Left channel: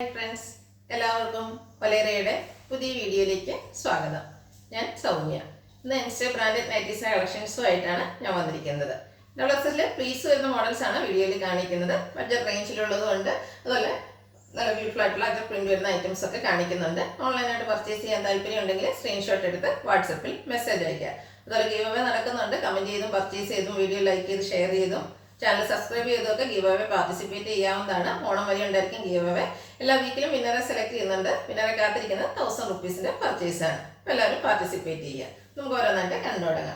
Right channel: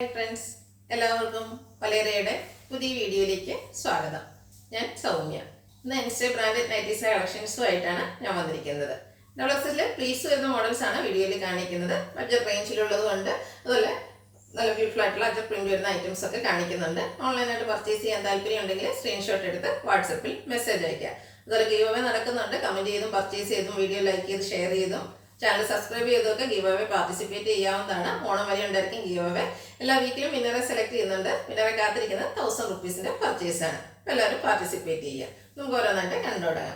Hi friends, എല്ലാവർക്കും വലേറിയയുടെ പുതിയ വീഡിയോയിലേക്ക് സ്വാഗതം. ഞാൻ സൗമ്യ. ഇന്ന് എൻസ്റ്റേ ബ്രാൻഡഡ് നൈറ്റീസിലെ കളക്ഷൻസുമായിട്ടാണ് ഞാൻ വന്നിരിക്കുന്നത്. ഡബിൾഎക്സലിൽ പ്ലീസ് വരുന്ന മോഡൽസ് ആണ് വീഡിയോയിൽ കാണിക്കുന്നത്. ബഡ്ജറ്റ് റേഞ്ചിലുള്ളതുകൊണ്ട് അതുപോലെ നല്ല ബ്യൂട്ടിഫുൾ ആയിട്ടുള്ള അജർ പ്രിന്റ് വരുന്ന ഐറ്റംസ് ഒക്കെ കാണിക്കുന്നുണ്ട്. ഓൺലൈനായിട്ട് പർച്ചേസ് ചെയ്യാൻ താല്പര്യം ഉണ്ടെങ്കിൽ സ്ക്രീൻഷോട്ട് എടുത്ത് വാട്സപ്പിൽ മെസ്സേജ് അയയ്ക്കുക. അതുപോലെ ഗീവ് അവേ നടക്കുന്നുണ്ട്. കമൻറ്റ് ചെയ്തും പർച്ചേസ് ചെയ്തും വീഡിയോ ലൈക്ക് ചെയ്ത് ഷെയർ ചെയ്തും ചാനൽ സബ്സ്ക്രൈബ് ചെയ്തൊക്കെ ഗീവ് അവേ പാർട്ടിസിപ്പേറ്റ് ചെയ്യാവുന്നതാണ്. ഓണം വരെ ഉണ്ടായിരിക്കും ഗീവ് അവേ. എല്ലാ വീക്കിലും വിന്നറെ സെലക്ട് ചെയ്യുന്നുണ്ട്. വിന്നറെ കാത്തിരിക്കുന്നത് 1000 റുപ്പീസിന്റെ പർച്ചേസ് ആണ്. അപ്പോൾ എല്ലാവരും പാർട്ടിസിപ്പേറ്റ് ചെയ്യുക. നമുക്ക് ഓരോന്നായിട്ട് കണ്ടു തുടങ്ങാം.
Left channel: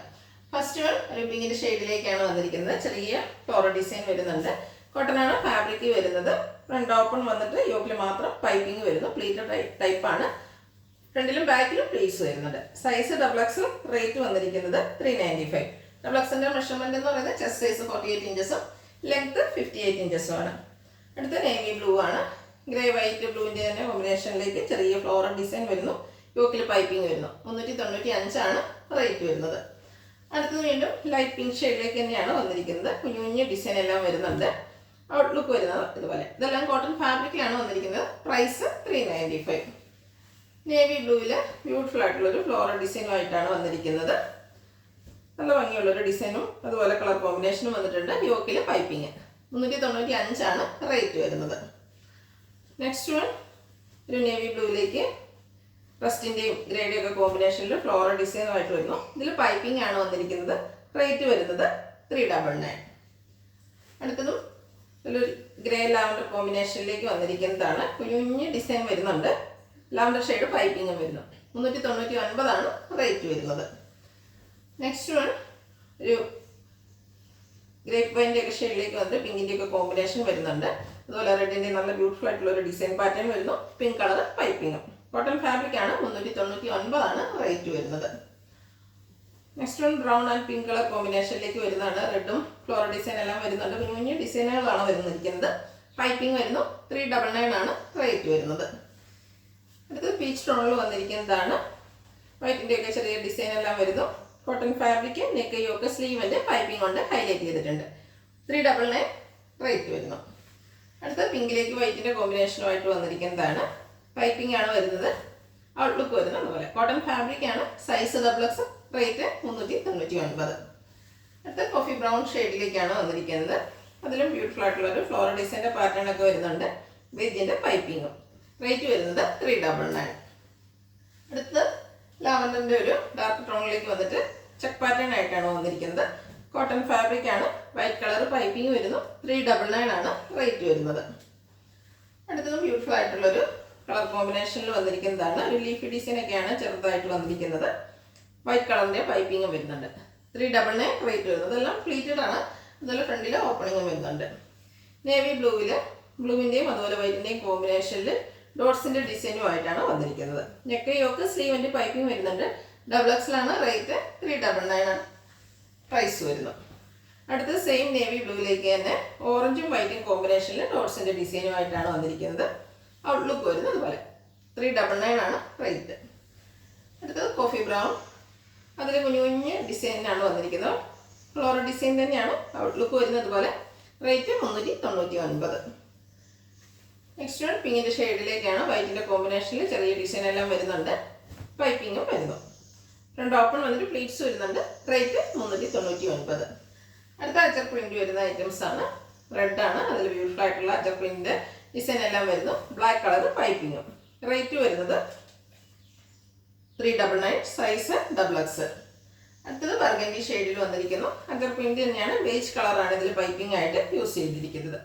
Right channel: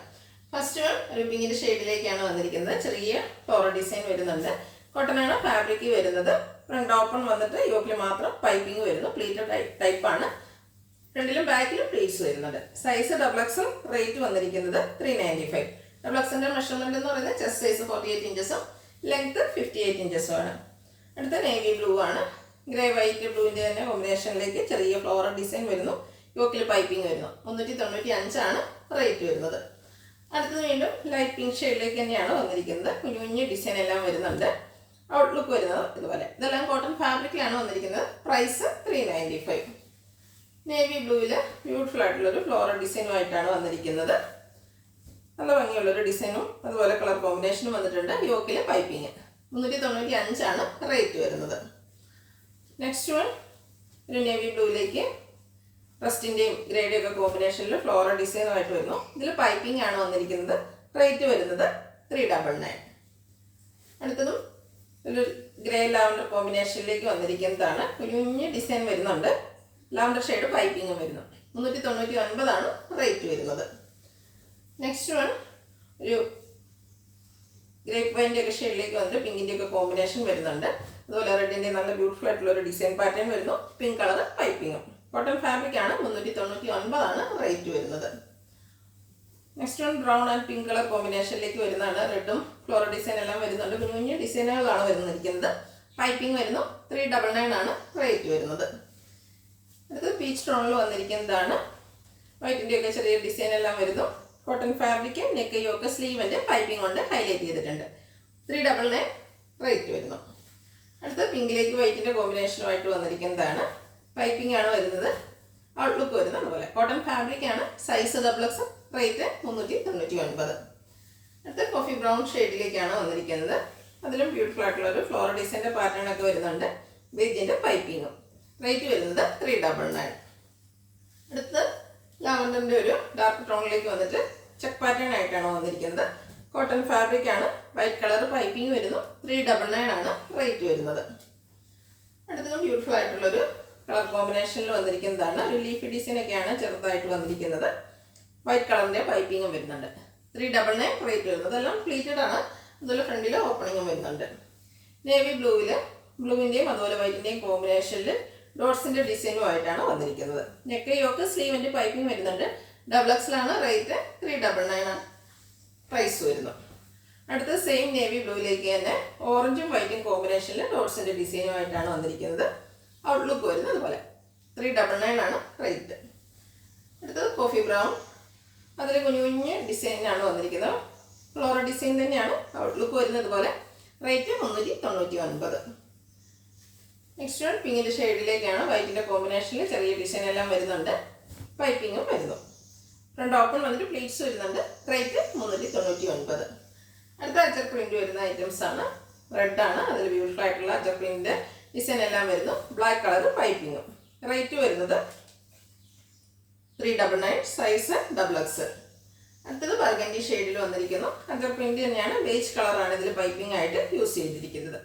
ഫസ്റ്റ് വൺ ഒരു പിങ്കിന്റെ ഷെയ്ഡിലേക്കാണ് വന്നിരിക്കുന്നത്. ചെറിയ ഫ്ലോറൽ ഡിസൈൻ വരുന്നുണ്ട്. കോട്ടനാണ് ഫാബ്രിക് വരുന്നത്. ഫ്രണ്ട് ഓപ്പൺ വന്നിട്ട് യോക്കിൽ മാത്രം പൈപ്പിംഗ് വരുന്നു. പ്ലീറ്റഡ് ടൈപ്പാണ്. ഫ്രണ്ടിലും ബാക്കിലും പ്ലീറ്റ്സ് വരുന്നുണ്ട്. സൈസ് ഡബിൾഎക്സ്, റേറ്റ് വന്നിരിക്കുന്നത് 395. ഡബിൾഎക്സിന്റെ മെഷർമെന്റ് എന്ന് പറയുന്നത് ചെസ്റ്റ് സൈസ് 48 ഇഞ്ചസും ലെങ്ത് 58 ഇഞ്ചസും ആണ്. അടുത്ത നേവി ബ്ലൂ ആണ്. ഗ്രേ വൈറ്റ് ബ്ലൂവിന്റെ തന്നെ കോമ്പിനേഷനിലേക്ക് ചെറിയ ഫ്ലോറൽ ഡിസൈൻ വരുന്നു. യോക്കിൽ പൈപ്പിംഗ് വരുന്നു. 395 ആണ് റേറ്റ് വരുന്നത്. അടുത്തത് വീണ്ടും ലൈറ്റ് പിങ്ക് ഷെയ്ഡിലേക്ക് തന്നെയാണ് വന്നിരിക്കുന്നത്. കുഞ്ഞു ഡിസൈൻ എല്ലാം വരുന്നുണ്ട്. ഔട്ട്ലുക്ക് വരുന്നത് ഇതുപോലെ. ഇതെല്ലാം കോട്ടൺ ഫാബ്രിക്കിലാണ് വന്നിരിക്കുന്നത്. പ്രൈസ് 395. നേവി ബ്ലൂവിൽ ബ്യൂട്ടിഫുൾ ആയിട്ടുള്ളൊരു ഫ്ലോറൽ ഡിസൈനുമായിട്ടാണ് വന്നിരിക്കുന്നത്. നല്ല ഭംഗിയുള്ളൊരു ഡിസൈനും അതുപോലെ കളർ കോമ്പിനേഷനും വന്നിട്ടുണ്ട്. യോക്കിൽ പൈപ്പിംഗ് 395 ആണ് റേറ്റ് വരുന്നത്. നെക്സ്റ്റ് വൺ ഒരു നേവി ബ്ലൂവിലേക്ക് റസ്റ്റിൻ്റെയും ഗ്രേഡും ഒക്കെ കോമ്പിനേഷനിൽ ഫ്ലോറൽ ഡിസൈനുമായിട്ട് വരുന്നു. ഇതിൽ പൈപ്പിംഗ് ആണ് വന്നിരിക്കുന്നത്. റേറ്റ് വരുന്നത് 399. അടുത്തതും ഒരു ഗ്രേ ലാവൻഡർ കോമ്പിനേഷനിലേക്ക് വന്നിരിക്കുന്നതാണ്. കുഞ്ഞു ഡിസൈൻ വരുന്നുണ്ട്. ലാവൻഡർ ഷെയ്ഡ് പൈപ്പിംഗും വരുന്നു. 399 ആണ് റേറ്റ് വരുന്നത്. നെക്സ്റ്റ് വൺ ഒരു ഗ്രേപ്പ് വൈൻ്റെ ഒക്കെ ഷെയ്ഡിലേക്ക് വന്നിട്ട് പിങ്കിൻ്റെ ഒക്കെ കോമ്പിനേഷൻ വരുന്നുണ്ട്. അതുപോലെ റെഡിൻ്റെ നല്ല ബ്യൂട്ടിഫുൾ ആയിട്ടുള്ള ഒരു ഡിസൈൻ പാറ്റേൺ വരുന്നു. പിങ്ക് കളർ പൈപ്പിങ്ങും. കോട്ടൺ ഫാബ്രിക് ആണ്. 399 ആണ് റേറ്റ് വരുന്നത്. Next one brown and pink colour കോമ്പിനേഷനിലേക്ക് വരുന്നതാണ്. റെഡും ഫ്ലോറൽ ഡിസൈൻ എല്ലാം വരുന്നുണ്ട്. കുഞ്ഞു ഡിസൈനുകളാണ് വരുന്നിരിക്കുന്നത്. പൈപ്പിംഗ് വരുന്നു. 399 ആണ് റേറ്റ് വരുന്നത്. അടുത്തത് പീച്ച് ടോണിൽ വന്നിരിക്കുന്നതാണ്. വൈറ്റിൻ്റെ ഒക്കെ ചെറിയ ഡിസൈൻ എല്ലാം വരുന്നു. കോട്ടൺ ഫാബ്രിക്, നെക്ക് യോക്ക് സ്ലീവിൻ്റെ പൈപ്പിംഗ് കൊണ്ട് ഹൈലൈറ്റ് ചെയ്തിട്ടുണ്ട്. 399 റേറ്റ് വരുന്നു. അടുത്ത പിങ്കിലേക്ക് വൈറ്റിൻ്റെ കോമ്പിനേഷനുമായിട്ട് വന്നിരിക്കുന്നതാണ്. പൈപ്പിംഗ് ആണ് വരുന്നത്. ഔട്ട്ലുക്ക് വരുന്നത് അതുപോലെ. കോട്ടൺ ഫാബ്രിക് ആണ്. Size double X, rate 399. അടുത്ത കോഫി ബ്രൗൺ ഷെയ്ഡിലേക്കാണ് വന്നിരിക്കുന്നത്. അതിലും ബ്യൂട്ടിഫുൾ ആയിട്ടുള്ള ഒരു ഫ്ലോറൽ ഡിസൈൻ്റെ പാറ്റേൺ ഒക്കെ വരുന്നുണ്ട്. ബേജിൻ്റെ പൈപ്പിങ്ങും. റേറ്റ് വരുന്നത് 399. അടുത്ത് ലാവൻഡറിൻ്റെ ഒരു ഡാർക്ക് ടോണിലേക്ക് വന്നിട്ട് ചെക്ക് പാറ്റേൺ ആയിട്ടാണ് വന്നിരിക്കുന്നത്. കോട്ടൺ ഫാബ്രിക് ആണ്. വൈറ്റ് കളർ പൈപ്പിംഗ് വരുന്നു. 399 ആണ് റേറ്റ് വരുന്നത്. അടുത്തതും ബ്യൂട്ടിഫുൾ ആയിട്ടുള്ളൊരു കളർ കോമ്പിനേഷനിൽ വന്നിരിക്കുന്നതാണ്. ഒരു ലീഫി ഡിസൈൻ ഒക്കെയാണ് ചെറുതായിട്ട് വന്നിരിക്കുന്നത്. വൈറ്റ് കളറിൻ്റെ പൈപ്പിങ്ങും വരുന്നുണ്ട്. 399 റേറ്റ് വരുന്നത്. എല്ലാം പ്ലീറ്റഡ് ആണ്. അതുപോലെ ഫ്രണ്ടിൽ ഓപ്പണിങ്ങും വരുന്നുണ്ട്. നേവി ബ്ലൂവിൽ ബ്ലൂവിൻ്റെയും അതുപോലെ വൈറ്റിൻ്റെയും കോമ്പിനേഷനിൽ ഡോട്ട്സിൻ്റെ ഡിസൈനുമായിട്ടാണ് വന്നിരിക്കുന്നത്. നെക്ക് യോക്ക് സ്ലീവിൻ്റെ പൈപ്പിംഗ് വരുന്നുണ്ട്. ഡബിൾഎക്സിലാണ്. റേറ്റ് 399 പ്രൈസ് വരുന്നു. അടുത്തത് സെയിം നേവി ബ്ലൂവിലേക്ക് തന്നെ ഓറഞ്ചും വൈറ്റും കോമ്പിനേഷനിൽ ഡോട്ട്സിൻ്റെ ഡിസൈനുമായിട്ടാണ് വന്നിരിക്കുന്നത്. ഔട്ട്ലുക്ക് വരുന്നത് അതുപോലെ. 399 ആണ് റേറ്റ്. അടുത്തത് കോഫി ബ്രൗൺ. അതിൽ കുഞ്ഞു ഡിസൈനാണ് വന്നിരിക്കുന്നത്. ഫ്ലോറൽ ഡിസൈൻ തന്നെയാണ്. ഔട്ട്ലുക്ക് വരുന്നത് പോലെ. റേറ്റ് 399. നെക്സ്റ്റ് വൺ പിങ്കിൻ്റെ ഷെയ്ഡിലേക്കാണ്. വൈറ്റിൻ്റെ കോമ്പിനേഷനിൽ ചെറിയ ഡിസൈൻ എല്ലാം വരുന്നുണ്ട്. പൈപ്പിങ്ങും വരുന്നു. ഫ്രണ്ട് ഓപ്പൺ വന്നിട്ട് പ്ലീറ്റ്സ് വരുന്നുണ്ട്. റേറ്റ് 399. അടുത്ത അജർ പ്രിന്റ് വരുന്ന ഐറ്റംസ് ആണ്. റെഡാണ്. അതിൽ ബ്യൂട്ടിഫുൾ ആയിട്ടുള്ള അജർ പ്രിന്റ് ഡിസൈൻ എല്ലാം വരുന്നു. Black colour പൈപ്പിങ്ങും. റേറ്റ് വരുന്നത് 399. സൈസ് ഡബിൾഎക്സ്. അടുത്തത് ബർഗൻഡി ഷെയ്ഡിൽ വന്നിരിക്കുന്നു. അജർ പ്രിന്റ് തന്നെയാണ്. ബേജ് കളറാണ് ഇതിൽ പൈപ്പിംഗ് ആയിട്ട് യൂസ് ചെയ്തിരിക്കുന്നത്.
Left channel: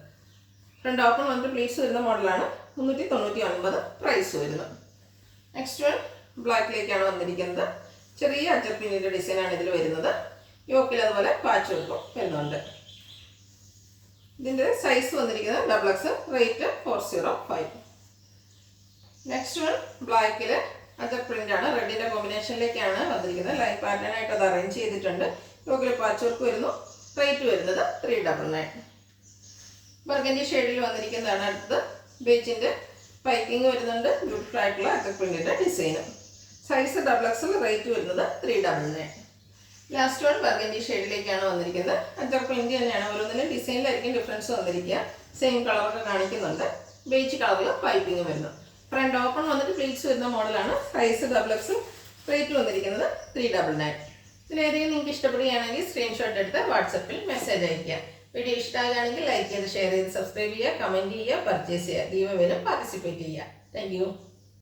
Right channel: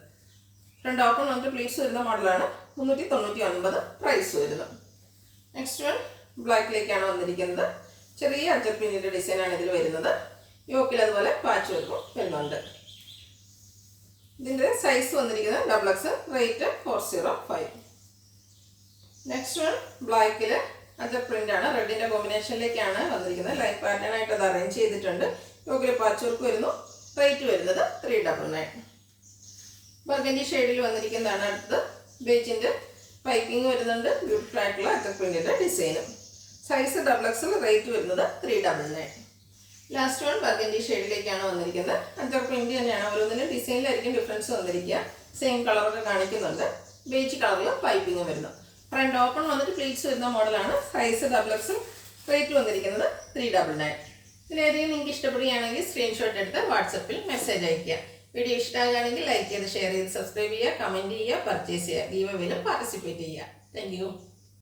ഫ്രണ്ട് ഓപ്പൺ വന്നിട്ട് പ്ലീറ്റ്സ് വരുന്ന മോഡലാണ്. 399 പ്രൈസ് വരുന്നു. നെക്സ്റ്റ് വൺ ബ്ലാക്കിലേക്കാണ് വന്നിരിക്കുന്നത്. ചെറിയ അജർ പ്രിന്റിൻ്റെ ഡിസൈനാണ് ഇതിൽ വരുന്നത്. യോക്കിൽ അതുപോലെ പാച്ച് വർക്കും വരുന്നുണ്ട്. ഇതിൻ്റെ സൈസ് വന്നിരിക്കുന്നത് ഡബിൾഎക്സ്. റേറ്റ് 405. നെക്സ്റ്റ് വൺ ബ്ലാക്കിൽ അജർ പ്രിന്റ് ആണ്. റെഡിൻ്റെ കോമ്പിനേഷനിലേക്കാണ് വന്നിരിക്കുന്നത്. ലൈൻ പാറ്റേൺ ആയിട്ട് അത് അറേഞ്ച് ചെയ്തിട്ടുണ്ട്. യോക്കിൽ പാച്ച് വർക്ക് വരുന്നു. റേറ്റ് വരുന്നത് 399. ബർഗൻഡി ഷെയ്ഡിൽ വന്നിരിക്കുന്നതാണ്. അടുത്തത് ബേജിൻ്റെ പൈപ്പിംഗ് വരുന്നുണ്ട്. ബ്യൂട്ടിഫുൾ ആയിട്ടുള്ള അജർ പ്രിന്റിൻ്റെ ഡിസൈനും. സൈസ് ഡബിൾഎക്സിൽ. റേറ്റ് വരുന്നത് 399. ലാസ്റ്റ് വൺ ബർഗൻഡി ഷെയ്ഡിലേക്കാണ് വന്നിരിക്കുന്നത്. അജർ പ്രിന്റ് തന്നെയാണ്. ഓരോന്നിനും ഡിസൈനിലായിരിക്കും ഡിഫറൻസ് വന്നിരിക്കുക. സെയിം കളറൊക്കെ കാണിക്കുന്നുണ്ട്. ബേജ് കളറിൽ പൈപ്പിംഗ് വരുന്നു. ഫ്രണ്ട് ഓപ്പൺ വന്നിട്ട് പ്ലീറ്റ്സ് വരുന്ന മോഡലാണ്. Size XXL. റേറ്റ് വന്നിരിക്കുന്നത് 399. ഇതിലേതെങ്കിലും നിങ്ങൾക്ക് ഇഷ്ടപ്പെടുകയാണെങ്കിൽ സ്ക്രീൻഷോട്ട് എടുത്ത് വാട്സപ്പിൽ മെസ്സേജ് അയയ്ക്കുക. വീഡിയോ ഇഷ്ടമാകുകയാണെങ്കിൽ ലൈക്ക് ചെയ്ത് ഷെയർ ചെയ്ത് സബ്സ്ക്രൈബ് ചെയ്യുക, കമൻറ്റ് ചെയ്യുക, പർച്ചേസ് ചെയ്യുക, ഗീവ് അവേയിലും പാർട്ടിസിപ്പേറ്റ് ചെയ്യുക. Thank you.